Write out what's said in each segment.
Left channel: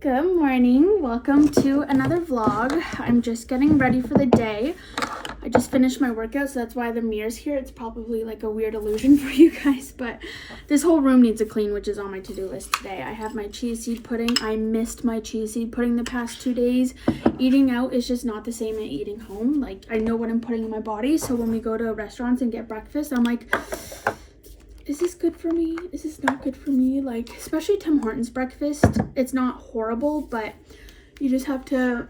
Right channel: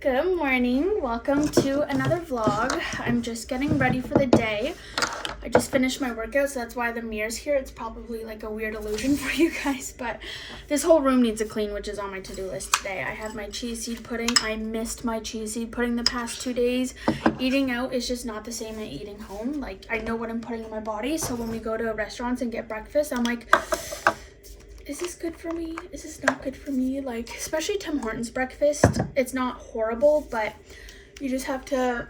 Good morning, welcome to another vlog. I'm just getting ready for the day. I just finished my workout, so that's why the mirror's here. It's probably like a weird illusion for you guys, but this whole room needs a clean, which is on my to-do list today. I have my chia seed pudding. I missed my chia seed pudding the past 2 days. Eating out is just not the same as eating home. Like, I know what I'm putting in my body, so when we go to restaurants and get breakfast, I'm like, is this good for me? Is this not good for me? Like, especially Tim Hortons breakfast, it's not horrible, but you just have to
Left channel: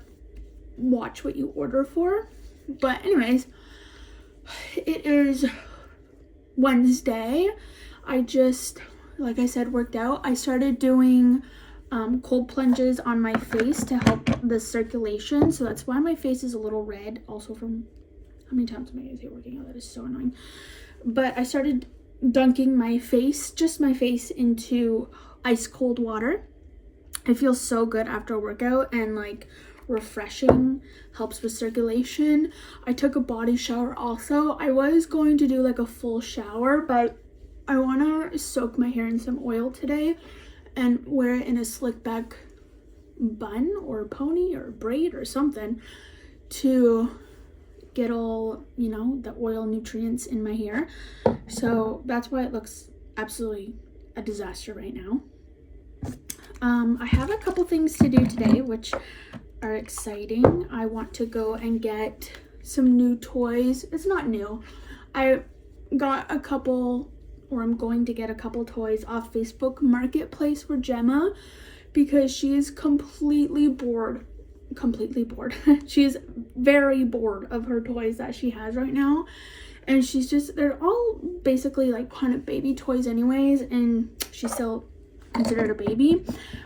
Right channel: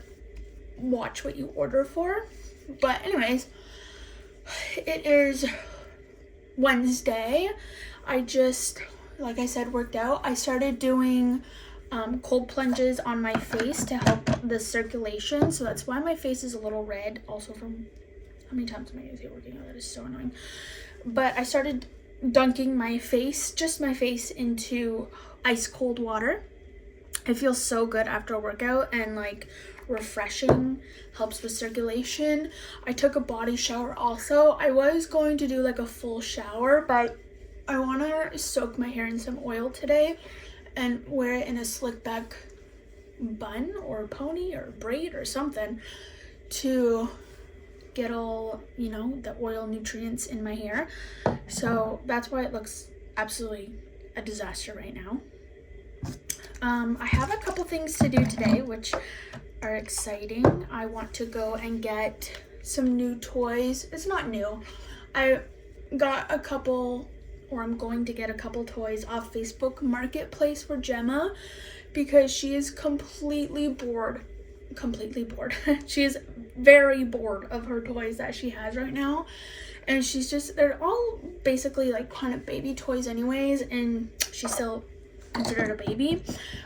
watch what you order for. But anyways, it is Wednesday. I just, like I said, worked out. I started doing cold plunges on my face to help the circulation, so that's why my face is a little red. Also from how many times am I gonna say working out? That is so annoying. But I started dunking my face, just my face, into ice cold water. It feels so good after a workout and like refreshing, helps with circulation. I took a body shower also. I was going to do like a full shower, but I want to soak my hair in some oil today and wear it in a slick back bun or pony or braid or something to get all, you know, the oil nutrients in my hair. So that's why it looks absolutely a disaster right now. I have a couple things to do today which are exciting. I want to go and get some new toys. It's not new. I got a couple, or I'm going to get a couple toys off Facebook Marketplace for Gemma because she is completely bored. She is very bored of her toys that she has right now, and she's just, they're all basically like kind of baby toys anyways, and she's still considered a baby,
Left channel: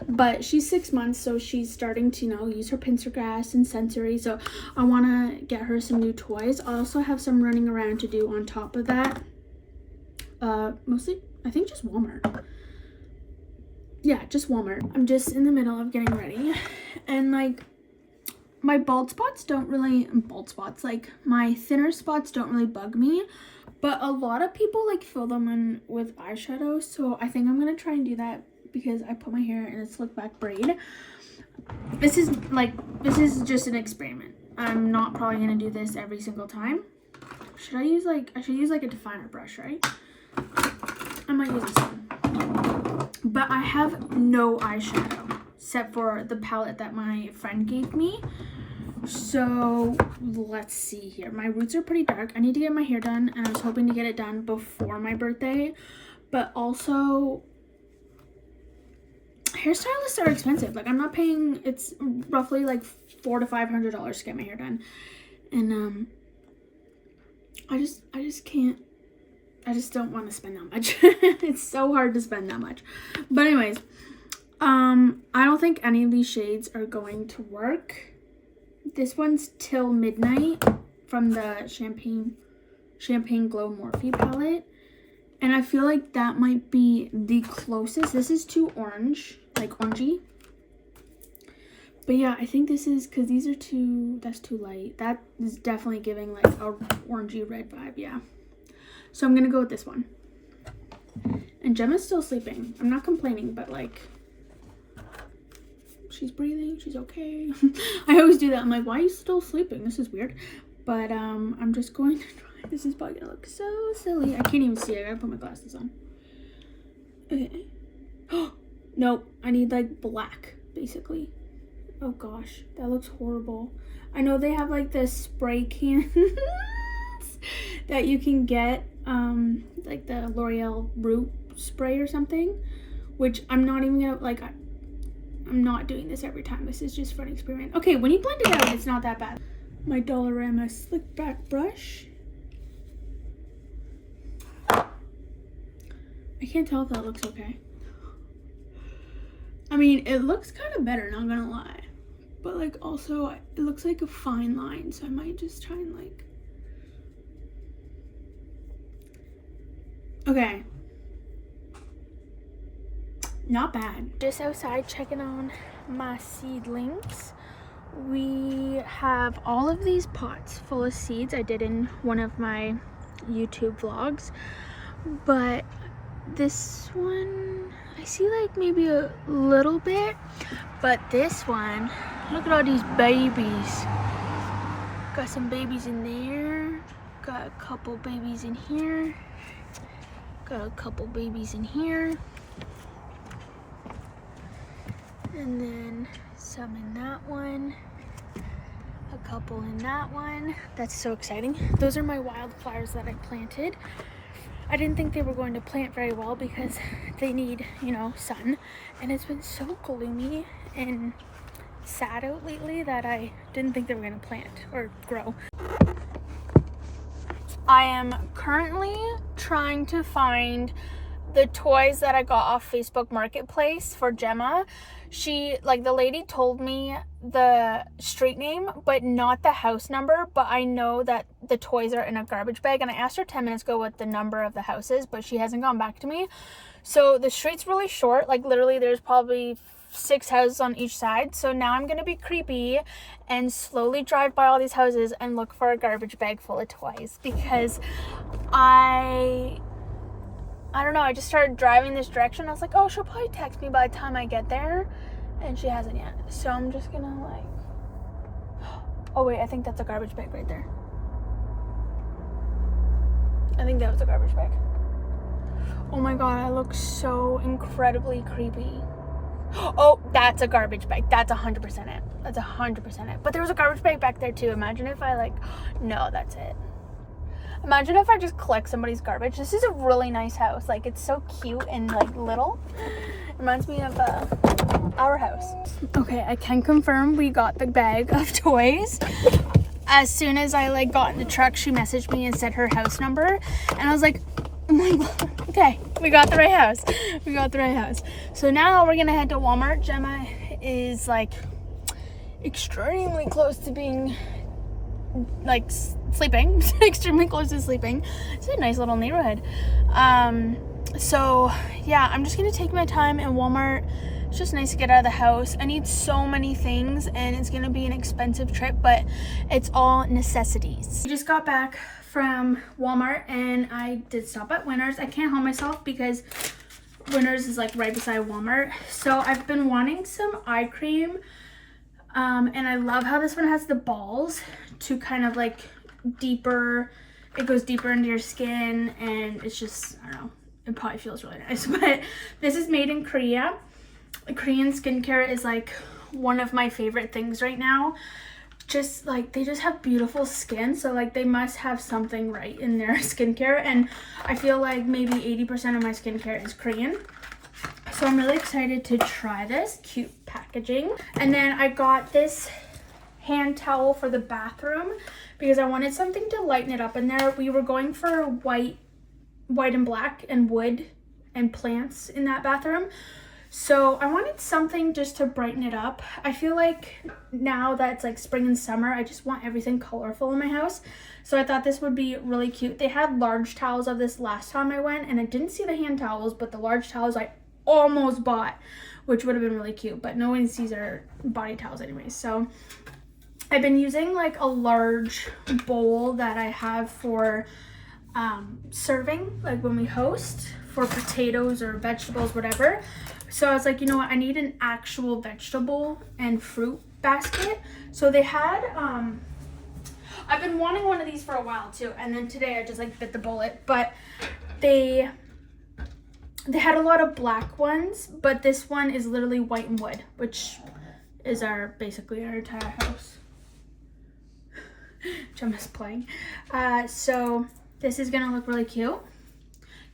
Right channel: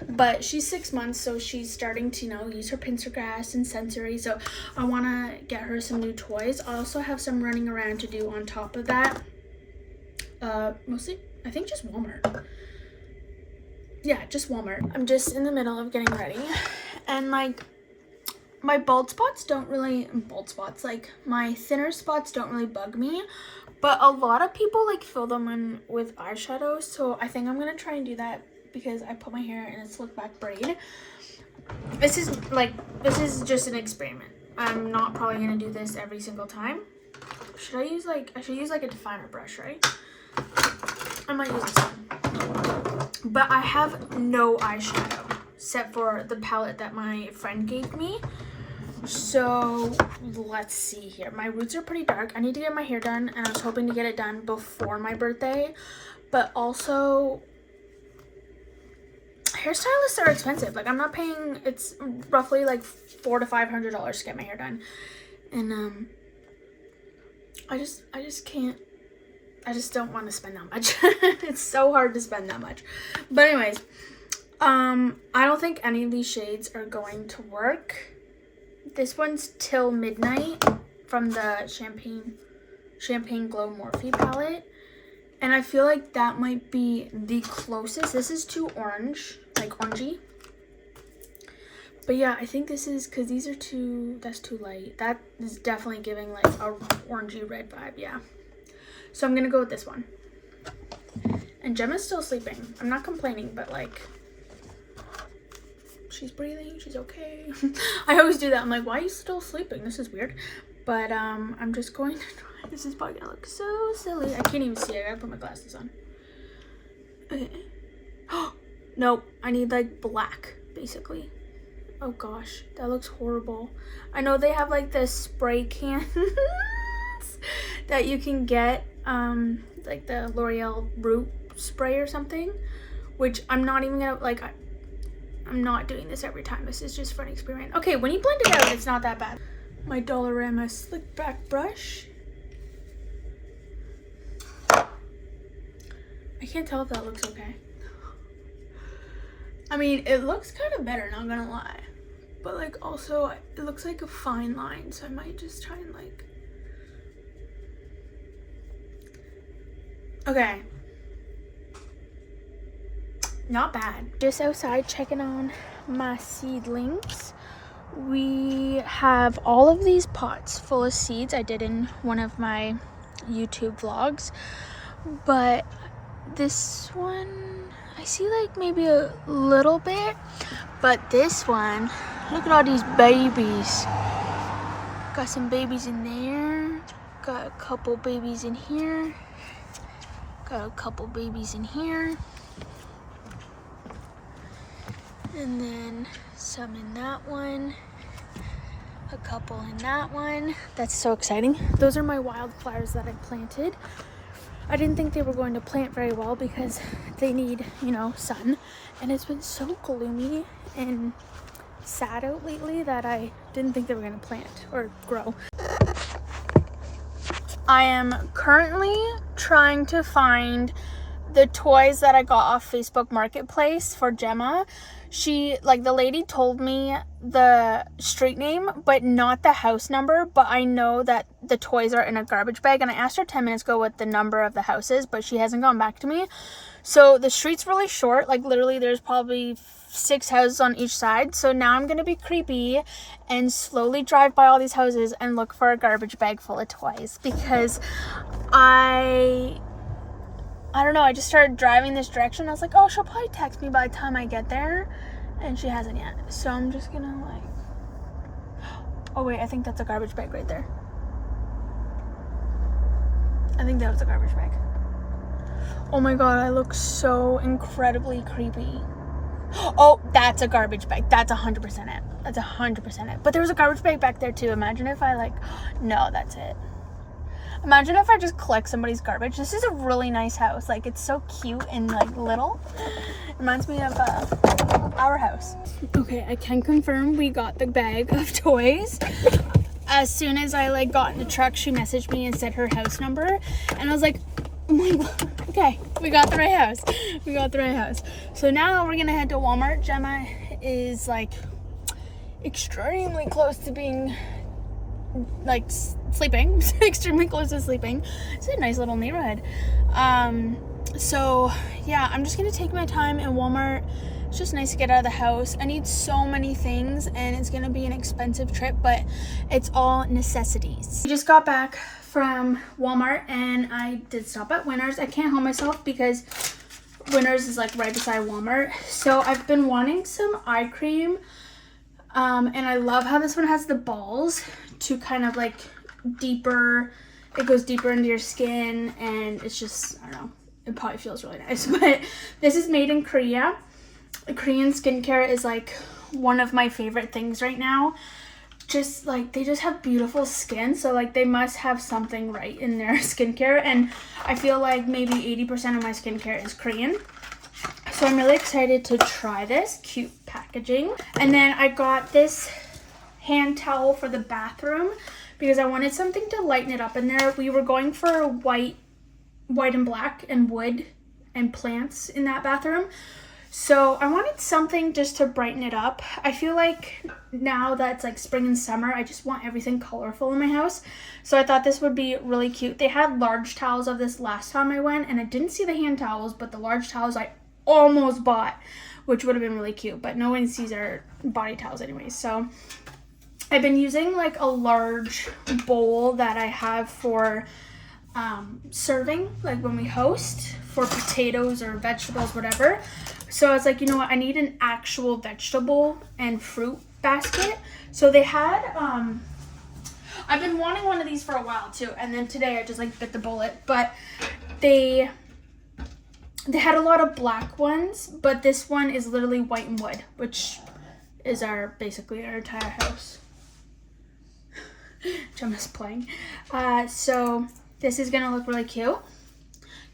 but she's 6 months, so she's starting to, you know, use her pincer grasp and sensory. So I want to get her some new toys. I also have some running around to do on top of that. Mostly I think just Walmart. Yeah, just Walmart. I'm just in the middle of getting ready, and like my like my thinner spots don't really bug me, but a lot of people like fill them in with eyeshadow, so I think I'm gonna try and do that because I put my hair in a slick back braid. This is just an experiment. I'm not probably gonna do this every single time. I should use like a definer brush, right? I might use this one. But I have no eyeshadow except for the palette that my friend gave me. So let's see here. My roots are pretty dark. I need to get my hair done, and I was hoping to get it done before my birthday, but also hairstylists are expensive. Like, I'm not paying, it's roughly like $400 to $500 to get my hair done, and I just don't want to spend that much. It's so hard to spend that much. But anyways, I don't think any of these shades are going to work. This one's Till Midnight from the Champagne Glow Morphe palette, and I feel like that might be the closest. This is too orange, like orangey. But yeah, I think this is, because these are that's too light. That is definitely giving like a orangey red vibe, yeah. So I'm gonna go with this one. And Gemma's still sleeping. I'm not complaining, but like, she's breathing, she's okay. I always do that. I'm like, why are you still sleeping? This is weird. But I'm just going to try. This is probably gonna look so silly. I can't even see. I gotta put my glasses on. Okay. Nope. I need like black, basically. Oh gosh, that looks horrible. I know they have like the spray cans that you can get, like the L'Oreal root spray or something, which I'm not even gonna, like, I'm not doing this every time. This is just for an experiment. Okay, when you blend it out, it's not that bad. My Dollarama slick back brush. I can't tell if that looks okay. I mean, it looks kind of better, not gonna lie. But like, also, it looks like a fine line, so I might just try and like... Okay. Not bad. Just outside checking on my seedlings. We have all of these pots full of seeds I did in one of my YouTube vlogs, but this one, I see like maybe a little bit, but this one, look at all these babies. Got some babies in there. Got a couple babies in here. Got a couple babies in here. And then some in that one. A couple in that one. That's so exciting. Those are my wildflowers that I planted. I didn't think they were going to plant very well because they need, you know, sun. And it's been so gloomy and sad out lately that I didn't think they were going to plant or grow. I am currently trying to find the toys that I got off Facebook Marketplace for Gemma. The lady told me the street name, but not the house number, but I know that the toys are in a garbage bag, and I asked her 10 minutes ago what the number of the house is, but she hasn't gone back to me. So the street's really short, like literally there's probably 6 houses on each side. So now I'm gonna be creepy and slowly drive by all these houses and look for a garbage bag full of toys, because I don't know, I just started driving this direction. I was like, oh, she'll probably text me by the time I get there, and she hasn't yet. So I'm just gonna like, oh wait, I think that's a garbage bag right there. I think that was a garbage bag. Oh my god, I look so incredibly creepy. Oh, that's a garbage bag. That's 100% it. That's 100% it. But there was a garbage bag back there too. Imagine if I like, no, that's it. Imagine if I just collect somebody's garbage. This is a really nice house. Like, it's so cute and like little. Reminds me of our house. Okay, I can confirm we got the bag of toys. As soon as I like got in the truck, she messaged me and said her house number, and I was like, oh my god, okay, we got the right house. We got the right house. So now we're gonna head to Walmart. Gemma is like extremely close to being like sleeping. Extremely close to sleeping. It's a nice little neighborhood. So yeah, I'm just gonna take my time in Walmart. It's just nice to get out of the house. I need so many things, and it's gonna be an expensive trip, but it's all necessities. I just got back from Walmart and I did stop at Winners. I can't help myself because Winners is like right beside Walmart. So I've been wanting some eye cream, and I love how this one has the balls to kind of like deeper, it goes deeper into your skin, and it's just, I don't know, it probably feels really nice. But this is made in Korea. Korean skincare is like one of my favorite things right now. Just like, they just have beautiful skin, so like they must have something right in their skincare, and I feel like maybe 80% of my skincare is Korean. So I'm really excited to try this. Cute packaging. And then I got this hand towel for the bathroom because I wanted something to lighten it up in there. We were going for white and black and wood and plants in that bathroom. So I wanted something just to brighten it up. I feel like now that it's like spring and summer, I just want everything colorful in my house. So I thought this would be really cute. They had large towels of this last time I went, and I didn't see the hand towels, but the large towels I almost bought, which would have been really cute, but no one sees our body towels anyways. So I've been using like a large bowl that I have for serving, like when we host, for potatoes or vegetables, whatever. So I was like, you know what, I need an actual vegetable and fruit basket. So they had, I've been wanting one of these for a while too, and then today I just like bit the bullet, but they had a lot of black ones, but this one is literally white and wood, which is basically our entire house. Gemma's playing. So this is gonna look really cute.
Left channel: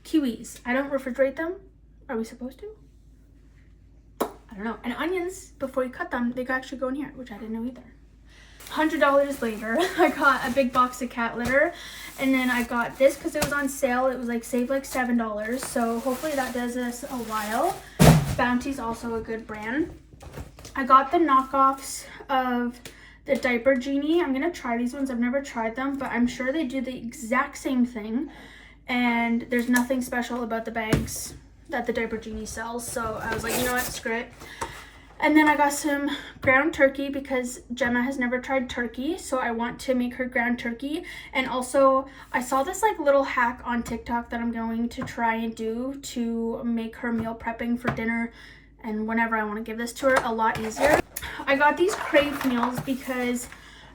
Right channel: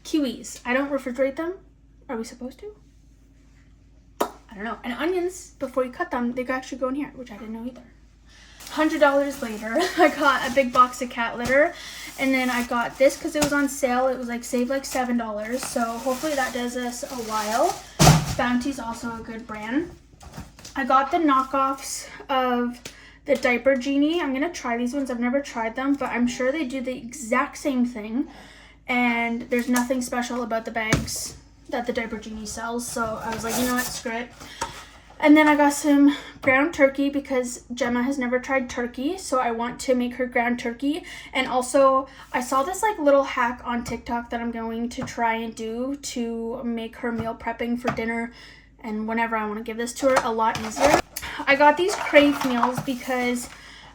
Kiwis, I don't refrigerate them. Are we supposed to? I don't know. And onions, before you cut them, they could actually go in here, which I didn't know either. $100 later, I got a big box of cat litter, and then I got this because it was on sale. It was like saved like $7, so hopefully that does us a while. Bounty's also a good brand. I got the knockoffs of the Diaper Genie. I'm gonna try these ones. I've never tried them, but I'm sure they do the exact same thing, and there's nothing special about the bags that the Diaper Genie sells. So I was like, you know what, screw it. And then I got some ground turkey because Gemma has never tried turkey, so I want to make her ground turkey. And also, I saw this like little hack on TikTok that I'm going to try and do to make her meal prepping for dinner and whenever I want to give this to her a lot easier. I got these Crave meals because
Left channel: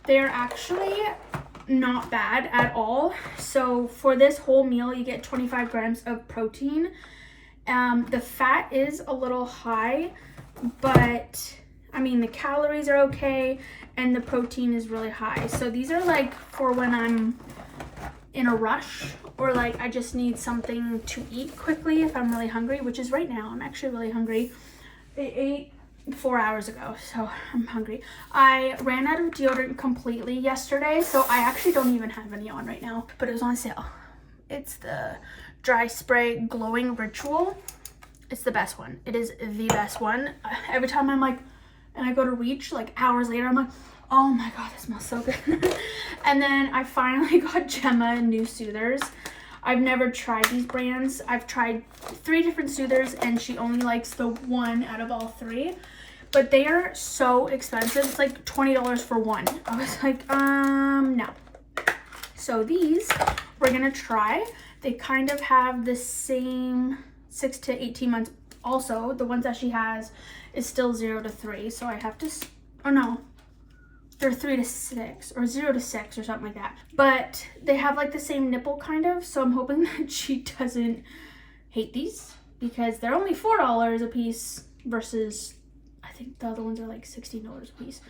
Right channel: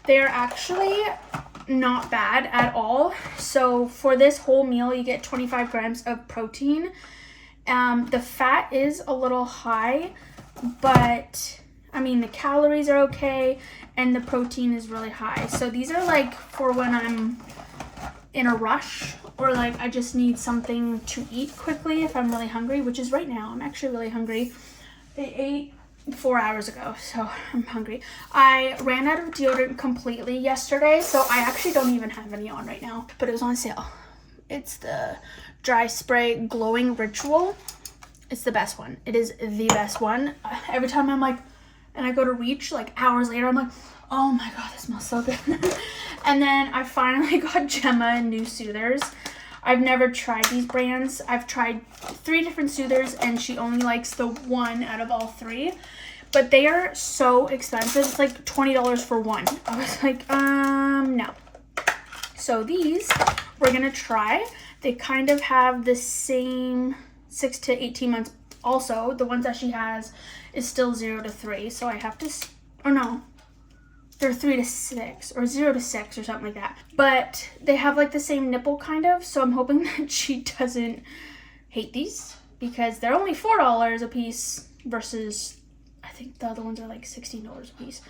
they are actually not bad at all. So for this whole meal, you get 25 grams of protein. The fat is a little high, but I mean the calories are okay and the protein is really high. So these are like for when I'm in a rush or like I just need something to eat quickly if I'm really hungry, which is right now. I'm actually really hungry. I ate 4 hours ago, so I'm hungry. I ran out of deodorant completely yesterday, so I actually don't even have any on right now, but it was on sale. It's the Dry Spray Glowing Ritual. It's the best one. It is the best one. Every time I'm like, and I go to reach, like hours later, I'm like, oh my god, this smells so good. And then I finally got Gemma new soothers. I've never tried these brands. I've tried 3 different soothers and she only likes the one out of all 3. But they are so expensive. It's like $20 for one. I was like, no. So these we're gonna try. They kind of have the same 6 to 18 months. Also, the ones that she has is still 0 to 3. So I have to, or no, they're 3 to 6 or 0 to 6 or something like that. But they have like the same nipple kind of. So I'm hoping that she doesn't hate these because they're only $4 a piece versus I think the other ones are like $16 a piece.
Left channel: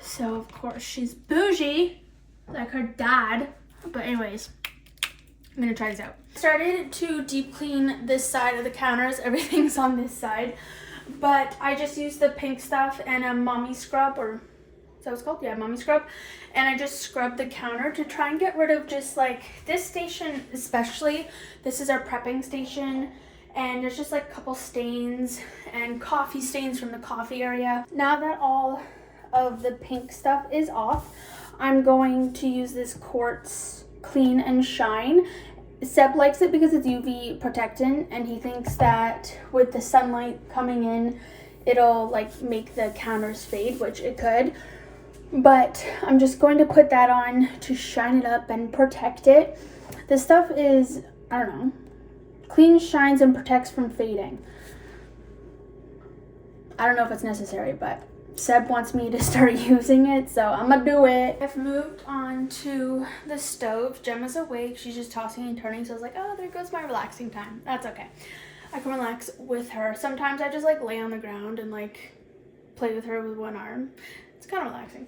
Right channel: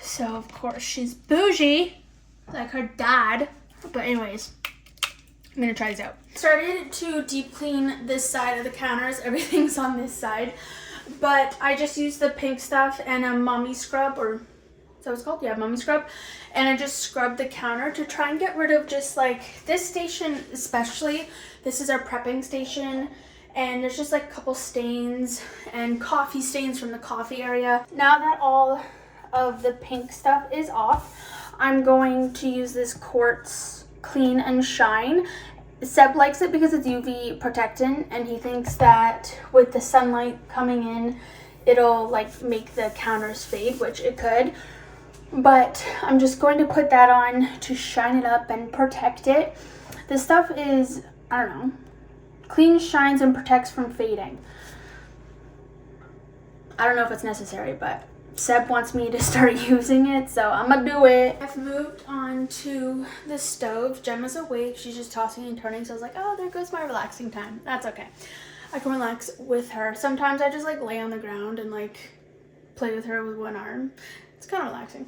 So of course she's bougie like her dad. But anyways, I'm gonna try these out. Started to deep clean this side of the counters. Everything's on this side. But I just used the pink stuff and a mommy scrub, or is that what it's called? Yeah, mommy scrub. And I just scrubbed the counter to try and get rid of just like this station especially. This is our prepping station. And there's just like a couple stains and coffee stains from the coffee area. Now that all of the pink stuff is off, I'm going to use this Quartz Clean and Shine. Seb likes it because it's UV protectant and he thinks that with the sunlight coming in, it'll like make the counters fade, which it could. But I'm just going to put that on to shine it up and protect it. This stuff is, I don't know, cleans, shines, and protects from fading. I don't know if it's necessary, but Seb wants me to start using it, so I'm gonna do it. I've moved on to the stove. Gemma's awake. She's just tossing and turning, so I was like, oh, there goes my relaxing time. That's okay. I can relax with her. Sometimes I just like lay on the ground and like play with her with one arm. It's kind of relaxing.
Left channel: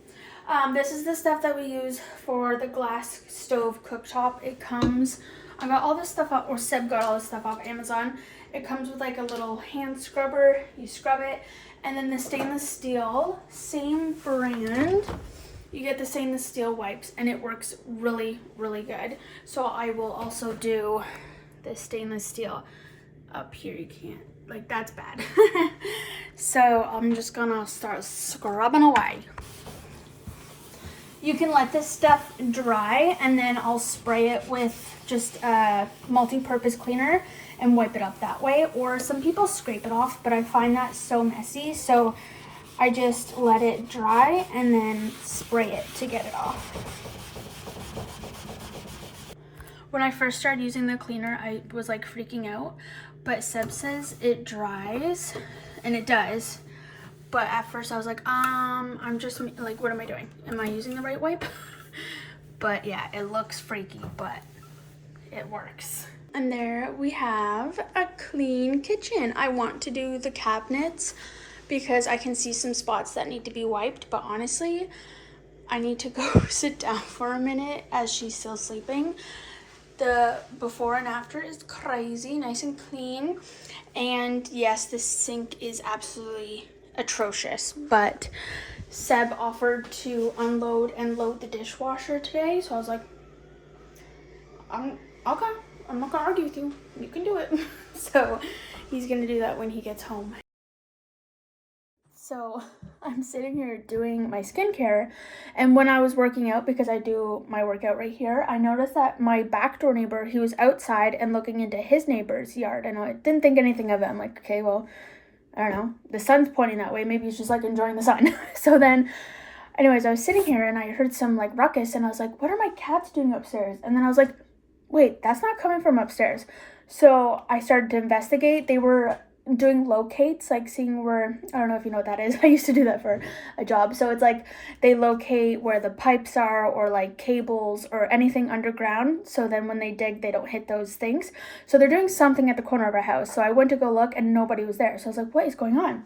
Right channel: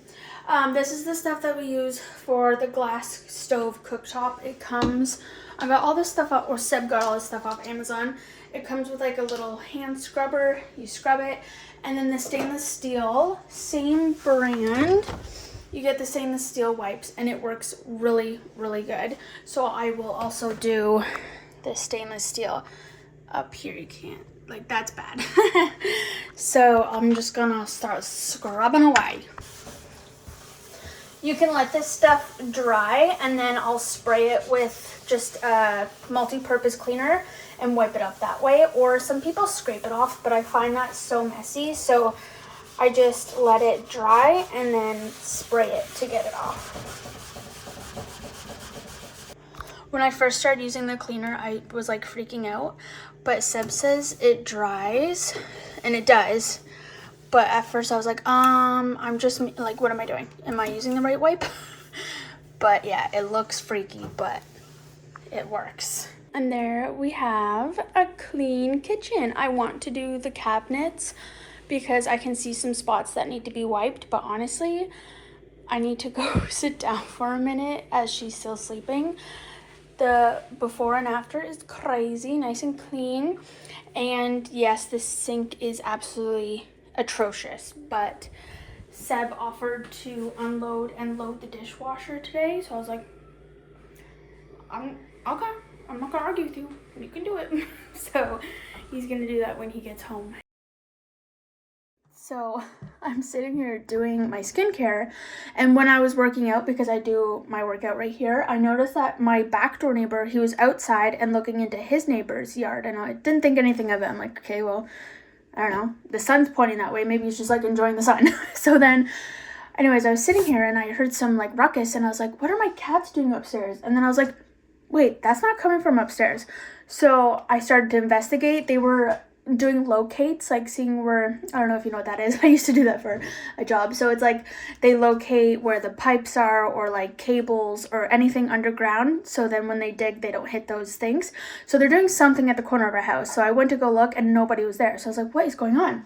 This is the stuff that we use for the glass stove cooktop. It comes, I got all this stuff up, or Seb got all this stuff off Amazon. It comes with like a little hand scrubber. You scrub it. And then the stainless steel, same brand. You get the stainless steel wipes and it works really, really good. So I will also do the stainless steel up here. You can't, like that's bad. So I'm just gonna start scrubbing away. You can let this stuff dry and then I'll spray it with just a multi-purpose cleaner and wipe it up that way. Or some people scrape it off, but I find that so messy. So I just let it dry and then spray it to get it off. When I first started using the cleaner, I was like freaking out, but Seb says it dries, and it does. But at first I was like, I'm just like, what am I doing? Am I using the right wipe? But yeah, it looks freaky, but it works. And there we have a clean kitchen. I want to do the cabinets because I can see some spots that need to be wiped, but honestly, I need to go sit down for a minute as she's still sleeping. The before and after is crazy, nice and clean. And yes, the sink is absolutely atrocious, but Seb offered to unload and load the dishwasher today, so I was like, okay, I'm not gonna argue with you. You can do it. So he's gonna do that when he gets home. So I'm sitting here doing my skincare, and when I was working out, because I do my workout right here, I noticed that my backdoor neighbor, he was outside and looking into his neighbor's yard, and I didn't think anything of it. I'm like, okay, well, I don't know, the sun's pointing that way. Maybe he's just like enjoying the sun. So then, anyways, I was sitting here and I heard some like ruckus and I was like, what are my cats doing upstairs? And then I was like, wait, that's not coming from upstairs. So I started to investigate. They were doing locates, like seeing where, I don't know if you know what that is. I used to do that for a job. So it's like they locate where the pipes are or like cables or anything underground. So then when they dig, they don't hit those things. So they're doing something at the corner of our house. So I went to go look and nobody was there. So I was like, what is going on?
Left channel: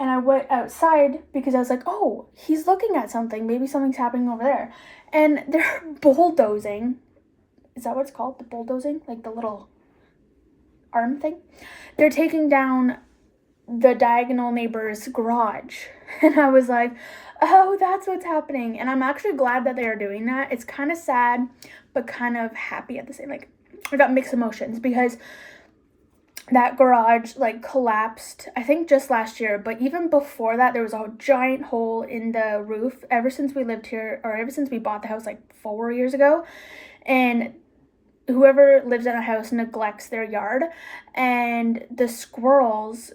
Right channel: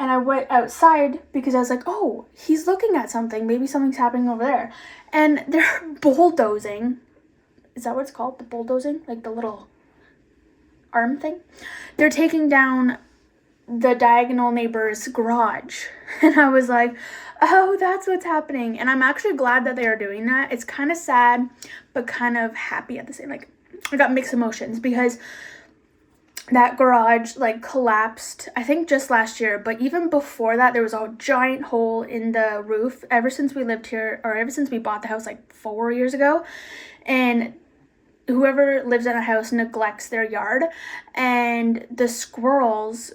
And I went outside because I was like, oh, he's looking at something. Maybe something's happening over there. And they're bulldozing. Is that what it's called? The bulldozing? Like the little arm thing? They're taking down the diagonal neighbor's garage. And I was like, oh, that's what's happening. And I'm actually glad that they are doing that. It's kind of sad, but kind of happy at the same. Like, I got mixed emotions because that garage like collapsed, I think just last year, but even before that, there was a giant hole in the roof ever since we lived here, or ever since we bought the house like 4 years ago. And whoever lives in a house neglects their yard, and the squirrels,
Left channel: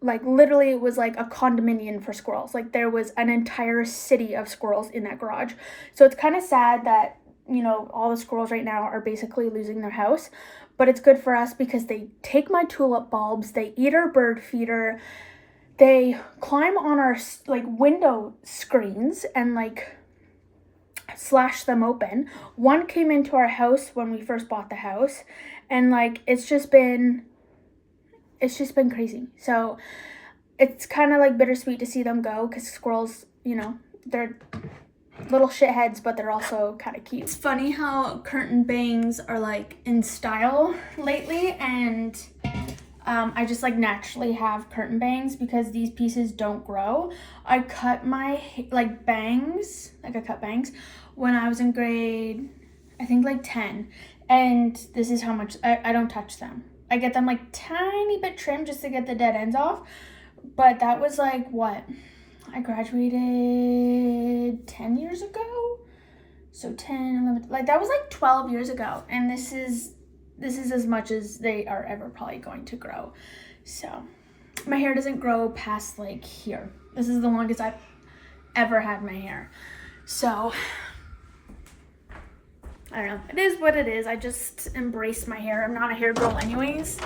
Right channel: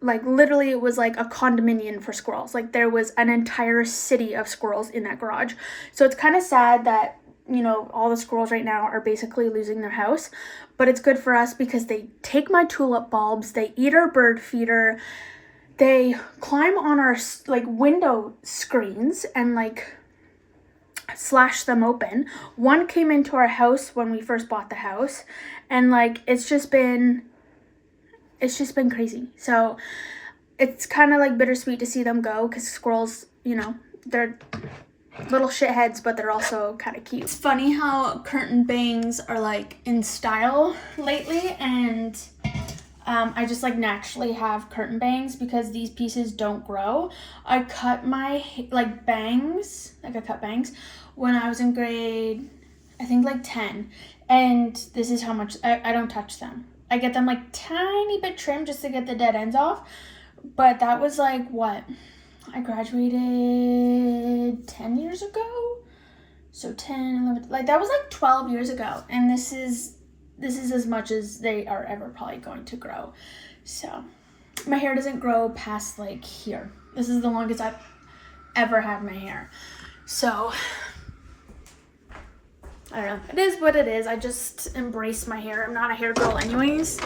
like literally it was like a condominium for squirrels. Like there was an entire city of squirrels in that garage. So it's kind of sad that, you know, all the squirrels right now are basically losing their house, but it's good for us because they take my tulip bulbs, they eat our bird feeder, they climb on our like window screens and like slash them open. One came into our house when we first bought the house, and like it's just been crazy. So it's kind of like bittersweet to see them go because squirrels, you know, they're little shitheads, but they're also kind of cute. It's funny how curtain bangs are like in style lately, and I just like naturally have curtain bangs because these pieces don't grow. I cut my like bangs, like I cut bangs when I was in grade, I think like 10, and this is how much I don't touch them. I get them like tiny bit trimmed just to get the dead ends off, but that was like what? I graduated 10 years ago, so 10, 11, like that was like 12 years ago, and this is as much as they are ever probably going to grow. So my hair doesn't grow past like here. This is the longest I've ever had my hair. So I don't know, it is what it is. I just embrace my hair. I'm not a hair girl anyways,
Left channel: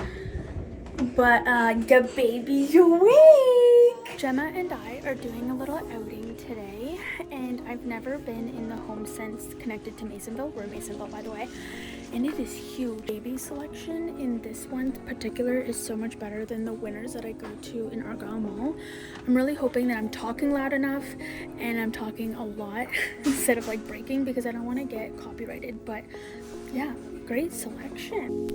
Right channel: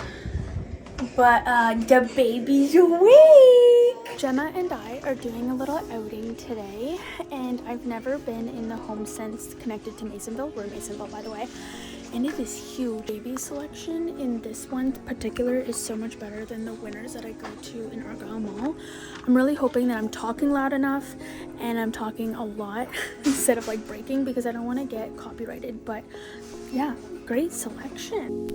but the baby's awake. Gemma and I are doing a little outing today, and I've never been in the home sense connected to Masonville. We're in Masonville, by the way, and it is huge. Baby selection in this one particular is so much better than the Winners that I go to in Argyle Mall. I'm really hoping that I'm talking loud enough and I'm talking a lot instead of like breaking, because I don't want to get copyrighted. But yeah, great selection.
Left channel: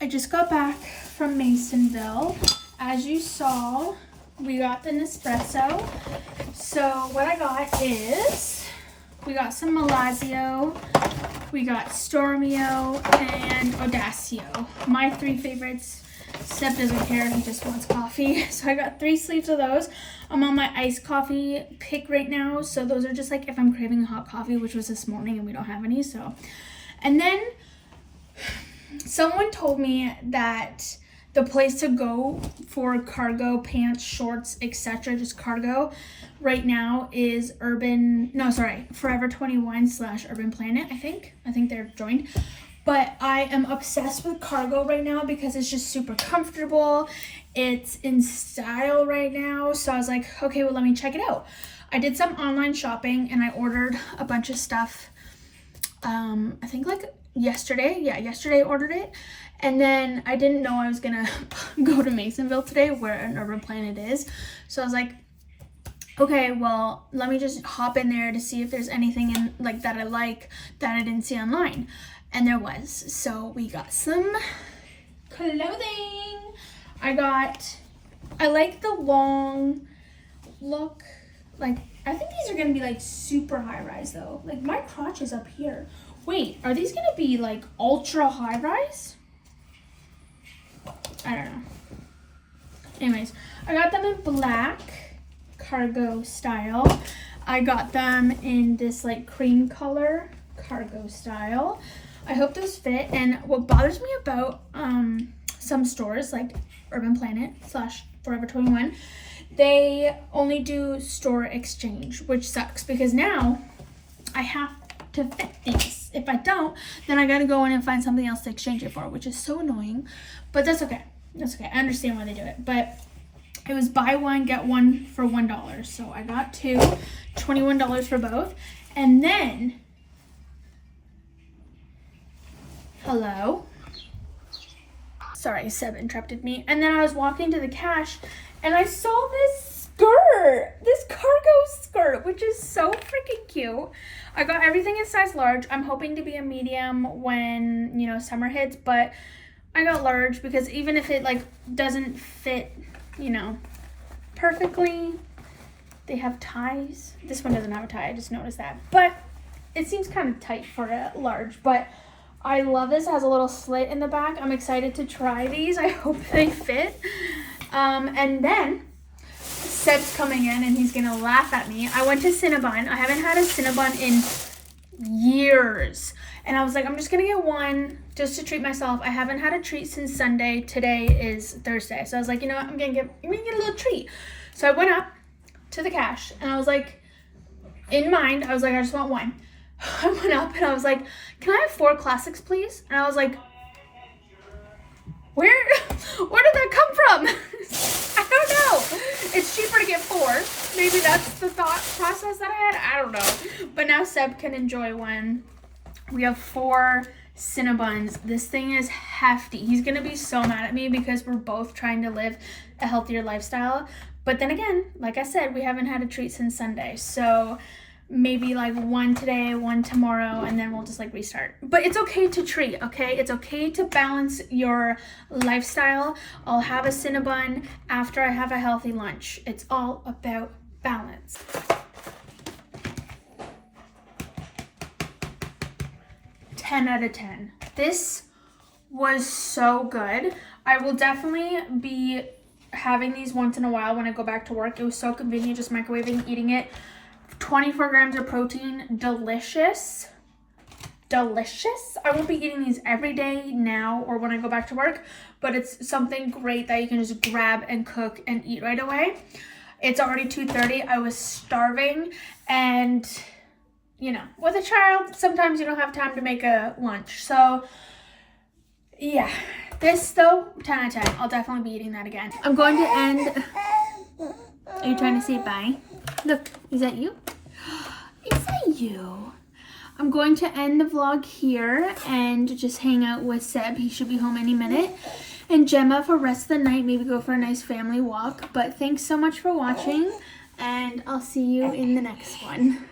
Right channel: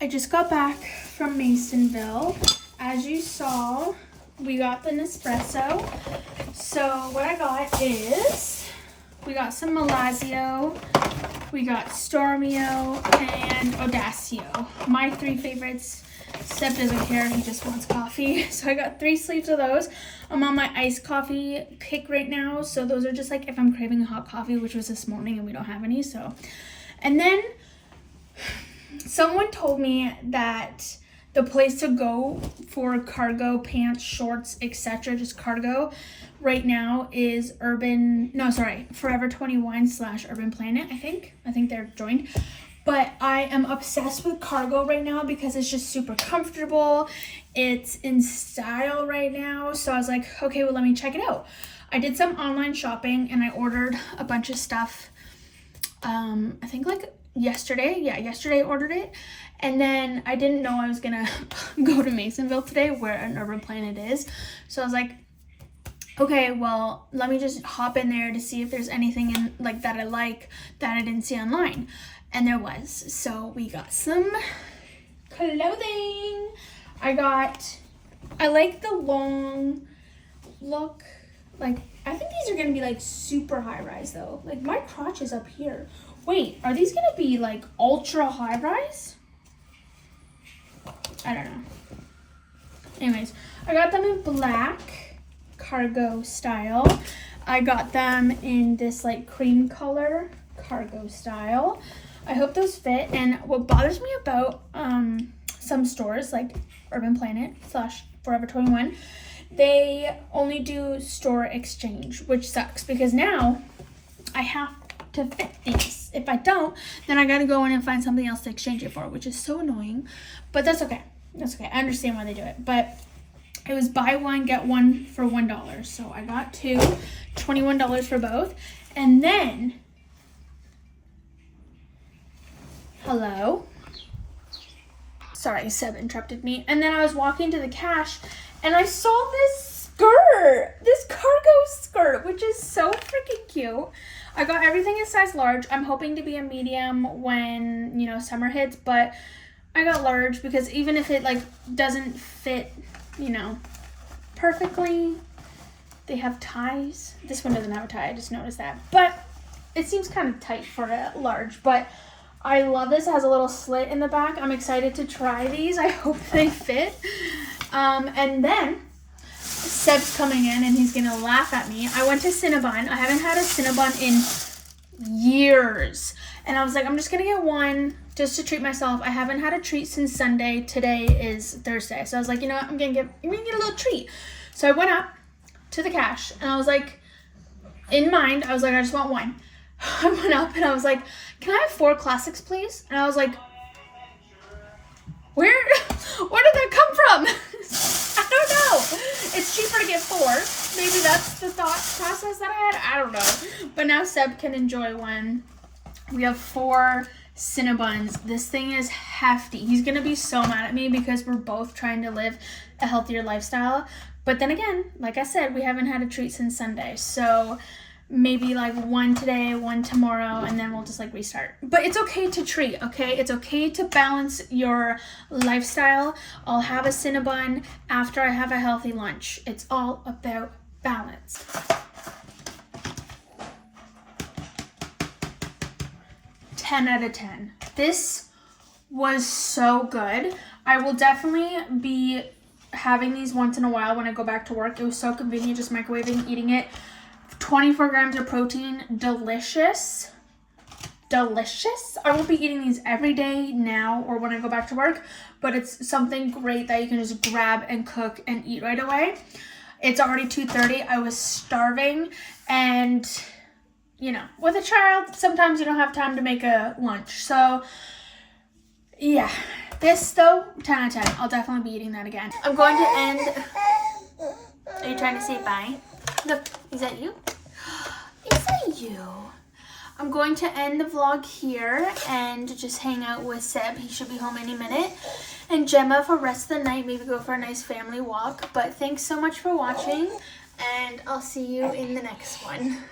I just got back from Masonville. As you saw, we got the Nespresso. So what I got is, we got some Malazio, we got Stormio, and Audacio. My three favorites. Seb doesn't care, he just wants coffee. So I got 3 sleeves of those. I'm on my iced coffee kick right now. So those are just like if I'm craving hot coffee, which was this morning and we don't have any. So, and then someone told me that the place to go for cargo pants, shorts, etc., just cargo right now is Forever 21 / Urban Planet, I think they're joined. But I am obsessed with cargo right now because it's just super comfortable. It's in style right now. So I was like, okay, well, let me check it out. I did some online shopping and I ordered a bunch of stuff. I think like yesterday. Yeah, yesterday I ordered it. And then I didn't know I was gonna go to Masonville today where an Urban Planet is. So I was like, okay, well, let me just hop in there to see if there's anything in like that I like that I didn't see online. And there was. So we got some clothing. I like the long look. Like, I think these are gonna be like super high rise though. Like my crotch is up here. Wait, are these gonna be like ultra high rise? I don't know. Anyways, I got them in black cargo style. I got them in this like cream color cargo style. I hope those fit. And what bothers me about some stores like Urban Planet / Forever 21, they only do store exchange, which sucks because now I have to fit these. If I don't, then I gotta go in and find something else to exchange it for, which is so annoying. But that's okay. That's okay. I understand why they do it. But it was buy one, get one for $1. So I got 2, $21 for both. And then, hello. Sorry, Seb interrupted me. And then I was walking to the cash and I saw this skirt, this cargo skirt, which is so freaking cute. I got everything in size large. I'm hoping to be a medium when, you know, summer hits, but I got large because even if it like doesn't fit, you know, perfectly, they have ties. This one doesn't have a tie, I just noticed that. But it seems kind of tight for a large, but I love this. It has a little slit in the back. I'm excited to try these. I hope they fit. And then Seb's coming in and he's gonna laugh at me. I went to Cinnabon. I haven't had a Cinnabon in years. And I was like, I'm just gonna get one just to treat myself. I haven't had a treat since Sunday. Today is Thursday. So I was like, you know what, I'm gonna get a little treat. So I went up to the cash and I was like, in mind, I was like, I just want one. I went up and I was like, can I have 4 classics, please? And I was like, where did that come from? I don't know. It's cheaper to get 4. Maybe that's the thought process that I had. I don't know. But now Seb can enjoy one. We have 4 Cinnabons. This thing is hefty. He's going to be so mad at me because we're both trying to live a healthier lifestyle. But then again, like I said, we haven't had a treat since Sunday. So maybe like 1 today, 1 tomorrow, and then we'll just like restart. But it's okay to treat, okay? It's okay to balance your lifestyle. I'll have a Cinnabon after I have a healthy lunch. It's all about balance. Ten out of 10. This was so good. I will definitely be having these once in a while when I go back to work. It was so convenient just microwaving, eating it. 24 grams of protein, delicious. Delicious. I won't be eating these every day now or when I go back to work, but it's something great that you can just grab and cook and eat right away. It's already 2:30. I was starving and, you know, with a child, sometimes you don't have time to make a lunch. So, yeah. This, though, 10 out of 10. I'll definitely be eating that again. I'm going to end... Are you trying to say bye? Look, is that you? Is that you? I'm going to end the vlog here and just hang out with Seb. He should be home any minute. And Gemma for the rest of the night, maybe go for a nice family walk. But thanks so much for watching, and I'll see you in the next one.